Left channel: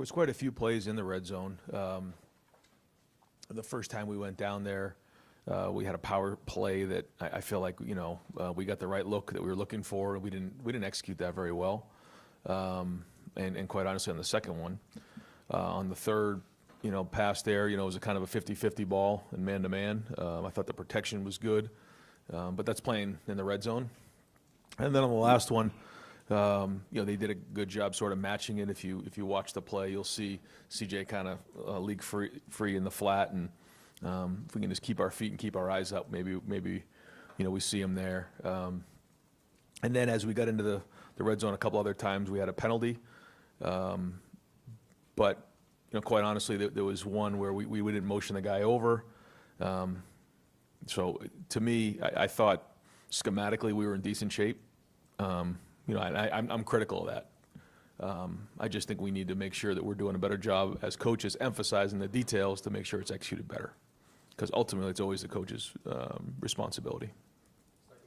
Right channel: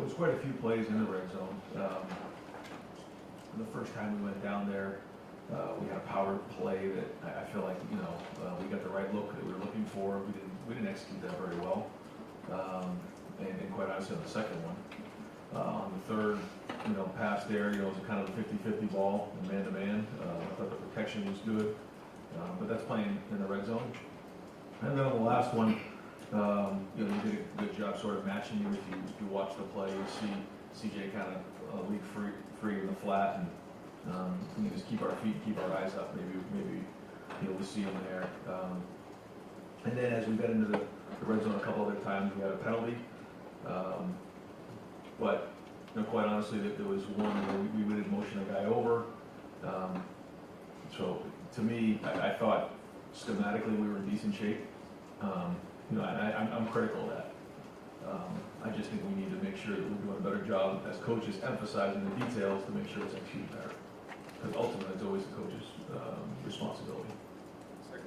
was quite a few plays in the red zone. The first time we went down there, we had a power play that I feel like we got the right look that we were looking for. We didn't execute that very well, and quite honestly on the second one, on the third pass there, it was a kind of a 50-50 ball and man-to-man. I thought the protection was good, but that's playing in the red zone. And then on the last one, they did a good job sort of matching it. If you watch the play, you'll see CJ kind of leak free in the flat, and if we can just keep our feet and keep our eyes up, maybe we see him there. And then as we got into the red zone a couple other times, we had a penalty, but quite honestly, there was one where we didn't motion the guy over. So to me, I thought schematically we were in decent shape. I'm critical of that. I just think we need to make sure that we're doing a better job as coaches, emphasizing the details to make sure it's executed better. Because ultimately, it's always the coach's responsibility. Do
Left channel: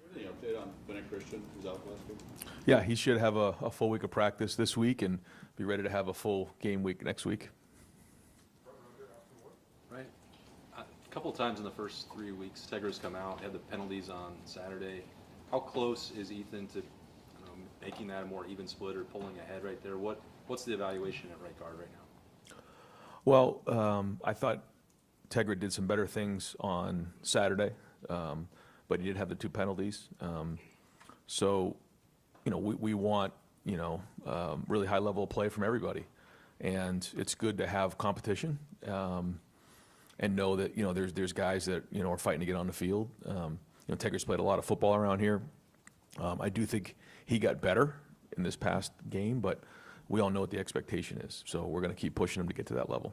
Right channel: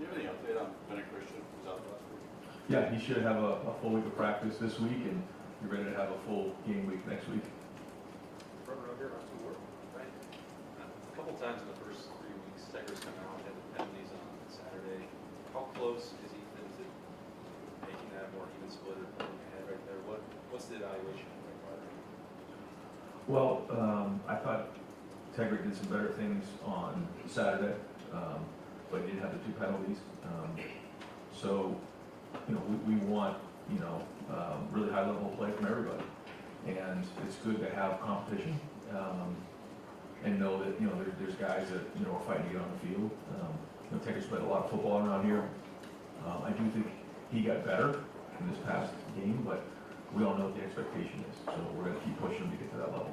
you have any update on Benny Christian? He was out last week. Yeah, he should have a full week of practice this week and be ready to have a full game week next week. A couple of times in the first 3 weeks, Tegra's come out, had the penalties on Saturday. How close is Ethan to making that a more even split or pulling ahead right there? What's the evaluation at right guard right now? Well, I thought Tegra did some better things on Saturday, but he did have the 2 penalties. So, we want, really high level of play from everybody. And it's good to have competition and know that, there's guys that, are fighting to get on the field. Tegra's played a lot of football around here. I do think he got better in this past game, but we all know what the expectation is. So we're going to keep pushing him to get to that level.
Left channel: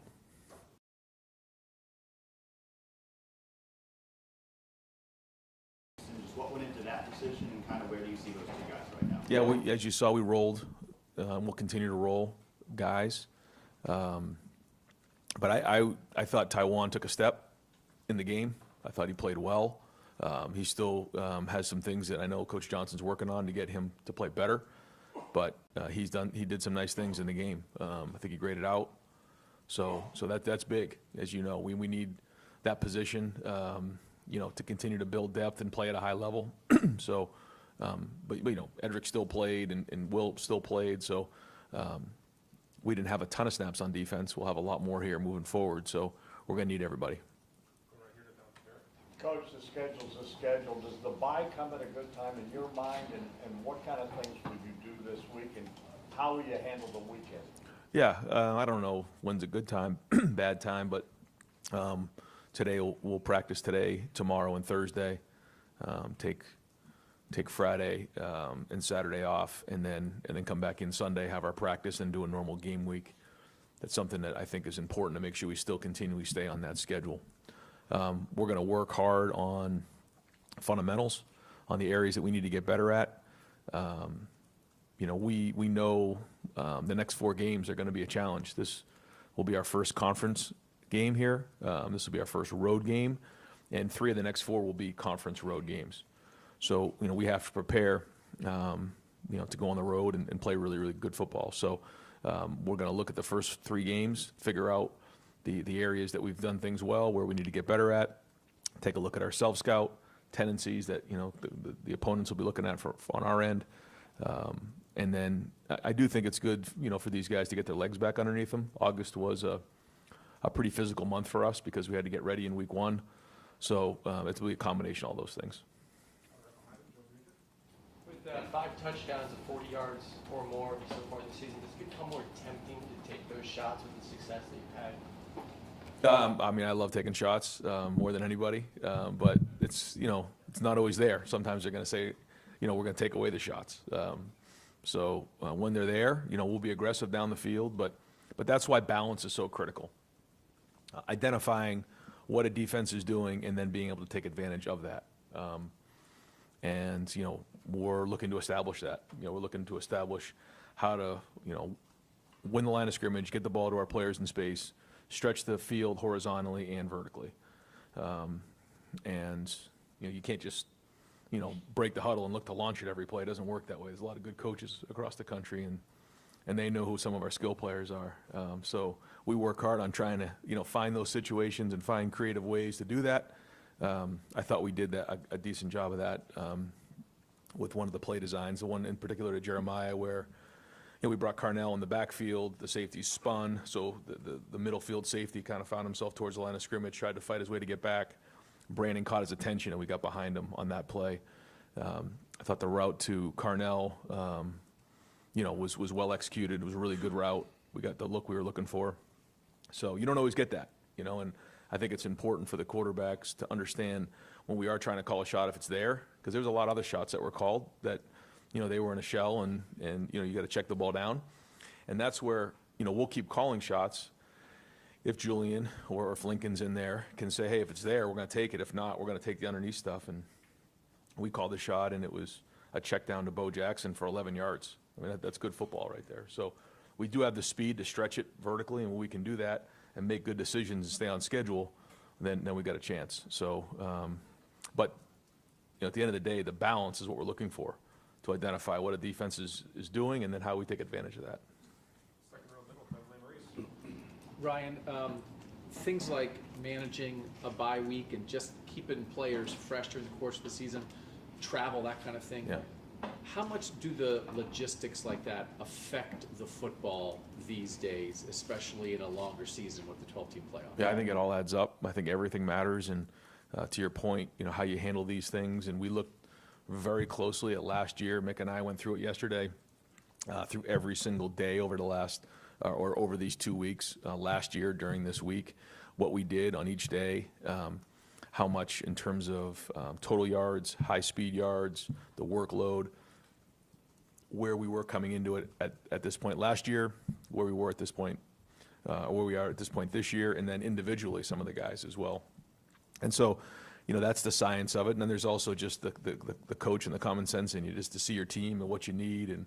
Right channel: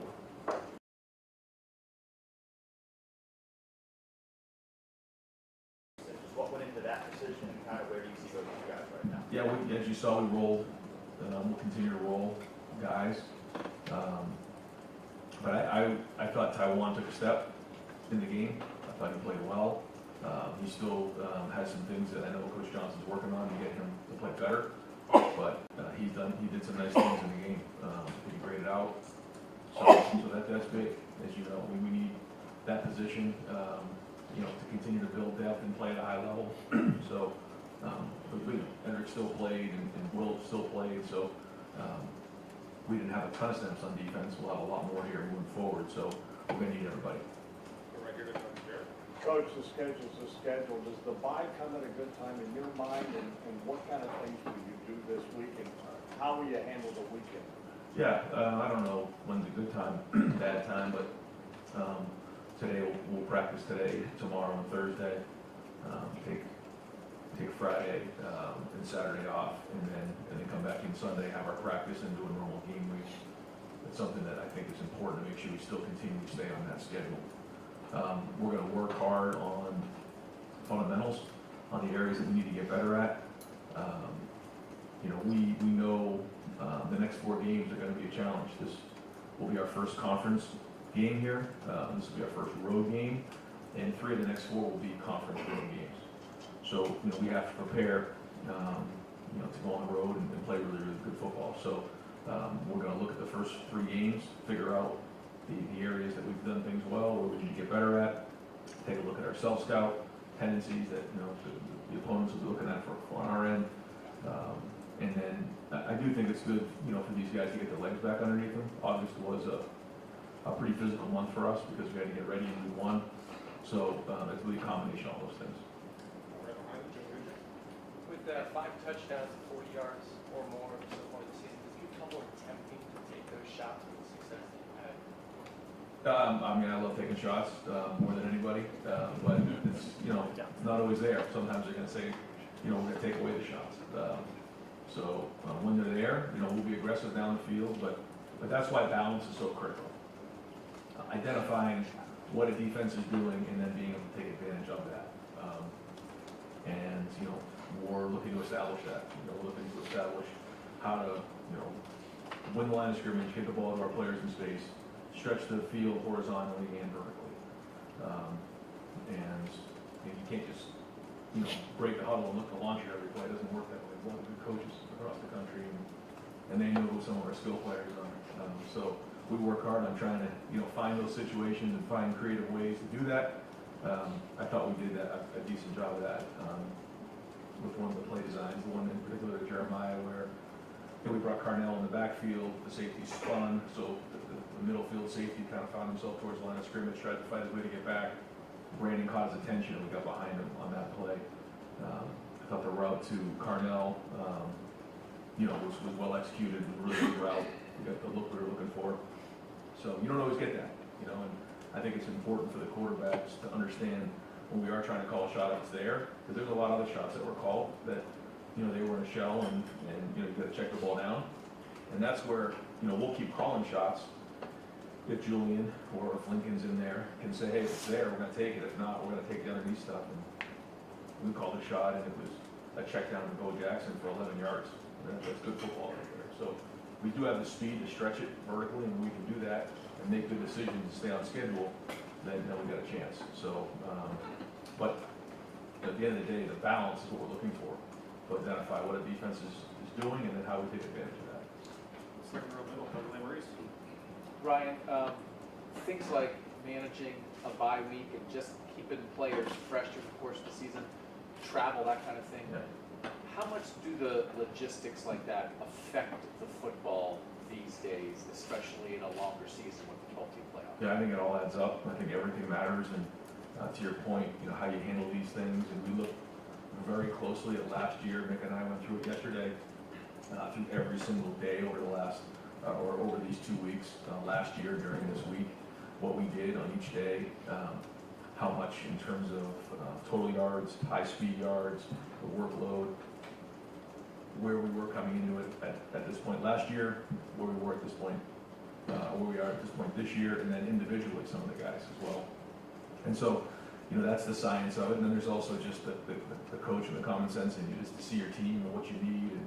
What went into that decision, and kind of where do you see those 2 guys right now? Yeah, as you saw, we rolled. We'll continue to roll guys. But I thought Taiwan took a step in the game. I thought he played well. He still has some things that I know Coach Johnson's working on to get him to play better. But he did some nice things in the game. I think he graded out. So that's big. As you know, we need that position, to continue to build depth and play at a high level. So, but Edric still played and Will still played. So we didn't have a ton of snaps on defense. We'll have a lot more here moving forward. So we're going to need everybody. Coach, the schedule's the schedule. Does the bye come at a good time in your mind, and what kind of things will you do this week, and how will you handle the weekend? Yeah, I don't know when's a good time, bad time, but today we'll practice today, tomorrow, and Thursday. Take Friday and Saturday off, and then come back in Sunday, have our practice, and do a normal game week. That's something that I think is important to make sure we still continually stay on that schedule. We're going to work hard on fundamentals, on the areas that we need to get better at. We know the next 4 games are going to be a challenge. This will be our first conference game here. This will be our first road game, and 3 of the next 4 will be conference road games. So we have to prepare, to go on the road and play really, really good football. So we're going to look at the first 3 games, figure out the areas that we've done things well, where we need to get better at, take a look at our self-scout tendencies that the opponents will be looking at on our end, and then I do think it's good for these guys to get their legs back underneath them. August was a pretty physical month for us because we had to get ready in week 1, so it's really a combination of all those things. With 5 touchdowns and 40 yards or more so far this season, does it become more tempting to take those shots with the success that you've had? I love taking shots more than anybody, but it's it's not always there. Sometimes they're going to say, we're going to take away the shots. So when they're there, we'll be aggressive down the field, but that's why balance is so critical. Identifying what a defense is doing and then being able to take advantage of that. And we're looking to establish that. We're looking to establish how to win the line of scrimmage, get the ball to our players in space, stretch the field horizontally and vertically. And you can't just break the huddle and look to launch it every play. It doesn't work that way. There's a lot of good coaches across the country, and and they know who some of our skill players are. So we work hard on trying to, find those situations and find creative ways to do that. I thought we did a decent job of that with one of the play designs, the one in particular to Jeremiah where we brought Carnell in the backfield, the safety spun, so the middle field safety kind of found himself towards the line of scrimmage, tried to fight his way to get back. Brandon caught his attention and we got behind him on that play. I thought the route to Carnell, was well executed. It was a really good route. We got the look we were looking for. So you don't always get that, and I think it's important for the quarterbacks to understand when we are trying to call a shot if it's there, because there's a lot of other shots that were called that, they were in a shell and you got to check the ball down. And that's where, we'll keep calling shots if Julian or if Lincoln's in there can say, hey, if it's there, we're going to take it. If not, we're going to take the underneath stuff. And we called the shot, and it was a check down to Bo Jackson for 11 yards. I mean, that's good football right there. So we do have the speed to stretch it vertically, and when we can do that and make good decisions and stay on schedule, then we've got a chance. So, but at the end of the day, the balance is what we're looking for, to identify what a defense is doing and then how we take advantage of that. Second row middle, Doug Maurice. Ryan, things like managing a bye week and just keeping players fresh during the course of the season, travel, that kind of thing. Yeah. How much do the logistics like that affect the football these days, especially in a longer season with the 12-team playoff? Yeah, I think it all adds up. I think everything matters, and to your point, how you handle these things. And we look very closely at last year. Mick and I went through it yesterday, through every single day over the last, or over these 2 weeks last year during this week, what we did on each day, how much in terms of total yards, high-speed yards, the workload, where we were coming into it at this point last year, where we were at this point, where we are at this point this year, and then individually some of the guys as well. And so, that's the science of it. And then there's also just the coach and the common sense in you, just to see your team and what you need and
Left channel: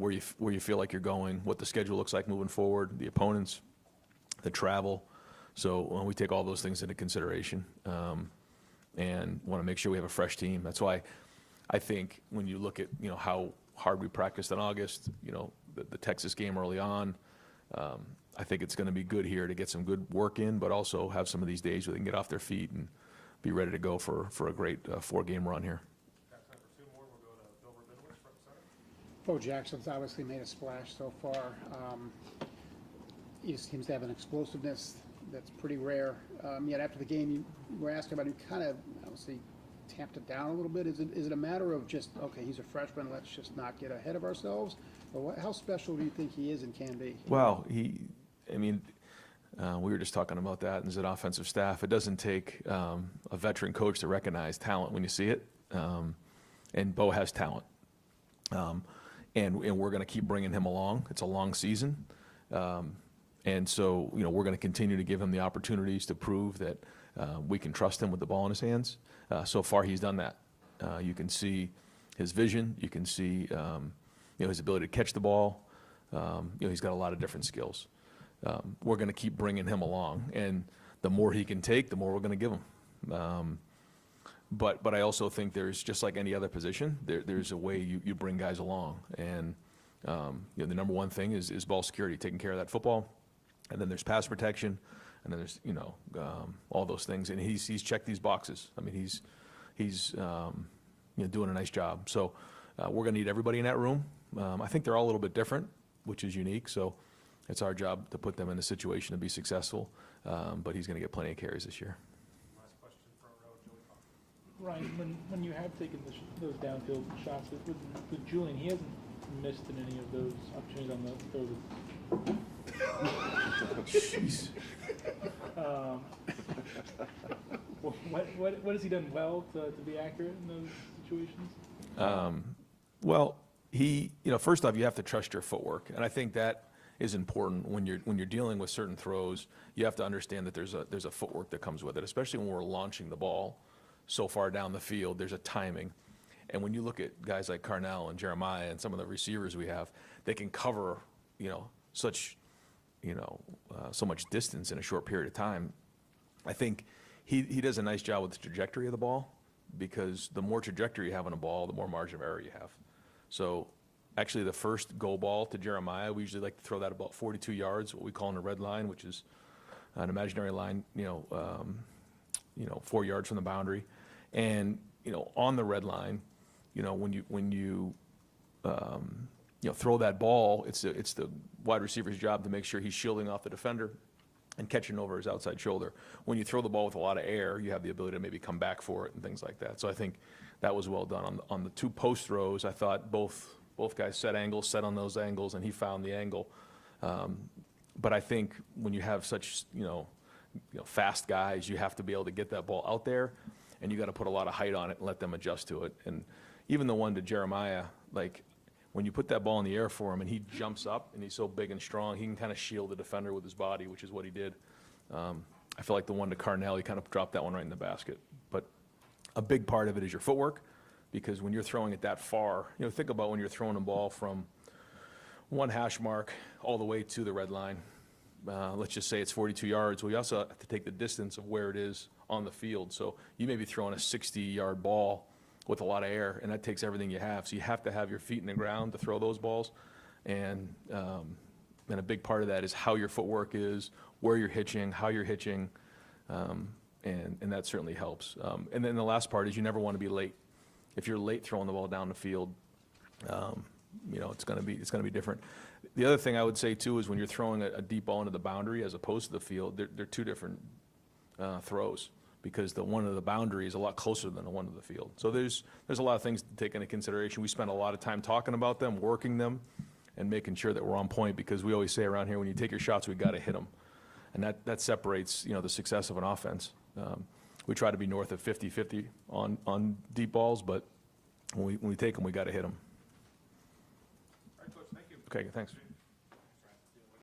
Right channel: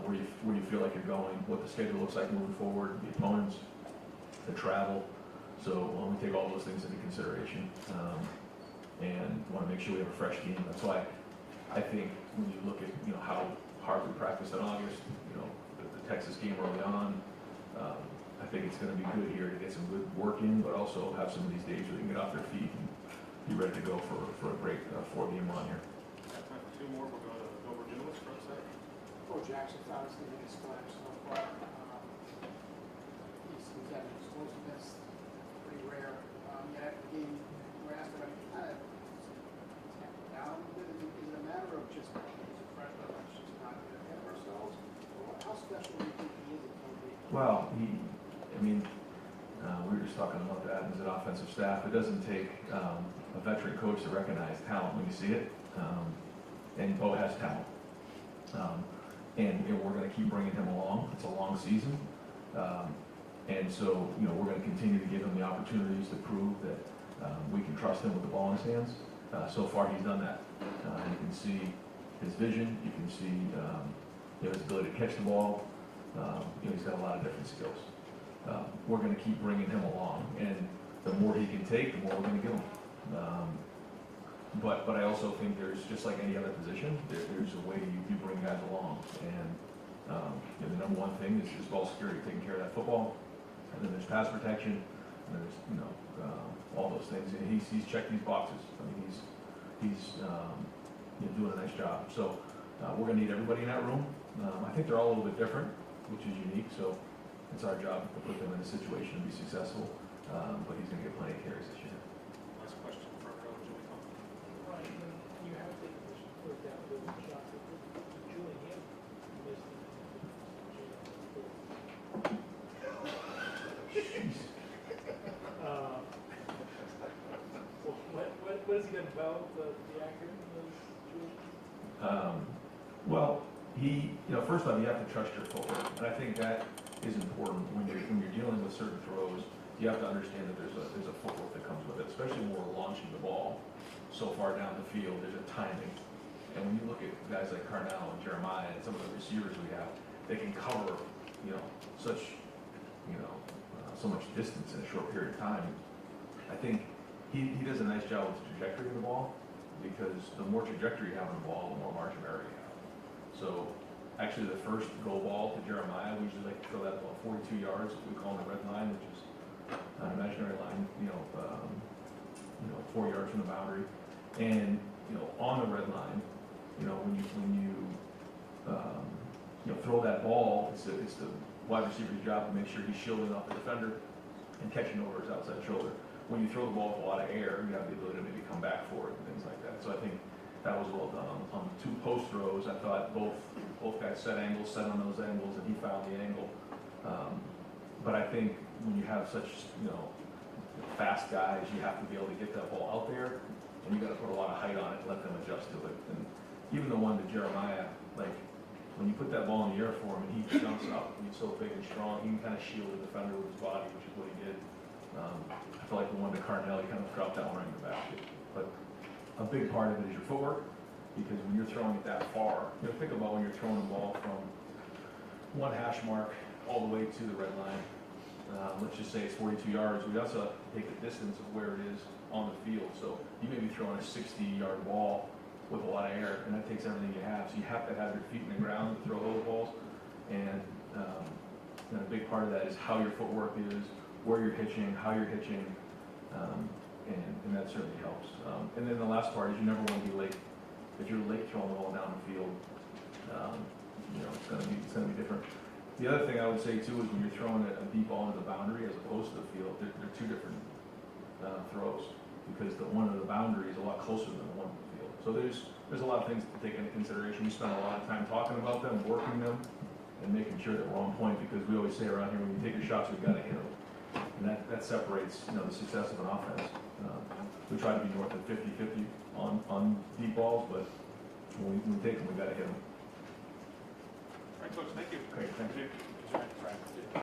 where you feel like you're going, what the schedule looks like moving forward, the opponents, the travel. So we take all those things into consideration and want to make sure we have a fresh team. That's why I think when you look at how hard we practiced in August, the Texas game early on, I think it's going to be good here to get some good work in, but also have some of these days where they can get off their feet and be ready to go for a great 4-game run here. Two more, we'll go to Dover Jewelers for a second. Bo Jackson's obviously made a splash so far. He seems to have an explosiveness that's pretty rare. Yet after the game, you were asking about, he kind of obviously tamped it down a little bit. Is it a matter of just, okay, he's a freshman, let's just not get ahead of ourselves? Or how special do you think he is and can be? Well, we were just talking about that as an offensive staff. It doesn't take a veteran coach to recognize talent when you see it, and Bo has talent, and we're going to keep bringing him along. It's a long season, and so we're going to continue to give him the opportunities to prove that we can trust him with the ball in his hands. So far, he's done that. You can see his vision. You can see his ability to catch the ball. He's got a lot of different skills. We're going to keep bringing him along, and the more he can take, the more we're going to give him. But I also think there's, just like any other position, there's a way you bring guys along, and the number one thing is ball security, taking care of that football, and then there's pass protection, and then there's all those things, and he's checked these boxes. I mean, he's doing a nice job. So we're going to need everybody in that room. I think they're all a little bit different, which is unique. So it's our job to put them in a situation to be successful. But he's going to get plenty of carries this year. Last question, front row, Julie Coleman. Ryan, when you have taken those downfield shots with Julian, he hasn't missed in any of those opportunities on those. Jeez. What has he done well to be accurate in those situations? Well, first off, you have to trust your footwork, and I think that is important when you're dealing with certain throws. You have to understand that there's a footwork that comes with it, especially when we're launching the ball so far down the field. There's a timing, and when you look at guys like Carnell and Jeremiah and some of the receivers we have, they can cover such so much distance in a short period of time. I think he does a nice job with the trajectory of the ball, because the more trajectory you have on a ball, the more margin of error you have. So actually the first go ball to Jeremiah, we usually like to throw that about 42 yards, what we call in a red line, which is an imaginary line, 4 yards from the boundary. And, on the red line, when you throw that ball, it's the wide receiver's job to make sure he's shielding off the defender and catching over his outside shoulder. When you throw the ball with a lot of air, you have the ability to maybe come back for it and things like that. So I think that was well done. On the 2 post throws, I thought both guys set on those angles, and he found the angle. But I think when you have such fast guys, you have to be able to get that ball out there, and you got to put a lot of height on it and let them adjust to it. And even the one to Jeremiah, like when you put that ball in the air for him and he jumps up and he's so big and strong, he can kind of shield the defender with his body, which is what he did. I feel like the one to Carnell, he kind of dropped that one right in the basket. But a big part of it is your footwork, because when you're throwing it that far, think about when you're throwing a ball from 1 hash mark all the way to the red line. Let's just say it's 42 yards. We also have to take the distance of where it is on the field. So you may be throwing a 60-yard ball with a lot of air, and that takes everything you have. So you have to have your feet in the ground to throw those balls. And a big part of that is how your footwork is, where you're hitching, how you're hitching, and that certainly helps. And then the last part is you never want to be late. If you're late throwing the ball down the field, it's going to be different. The other thing I would say too is when you're throwing a deep ball into the boundary as opposed to the field, they're 2 different throws, because the one in the boundary is a lot closer than the one in the field. So there's a lot of things to take into consideration. We spend a lot of time talking about them, working them, and making sure that we're on point, because we always say around here, when you take your shots, we've got to hit them. And that separates the success of an offense. We try to be north of 50-50 on deep balls, but when we take them, we got to hit them. All right, Coach, thank you. Okay, thanks.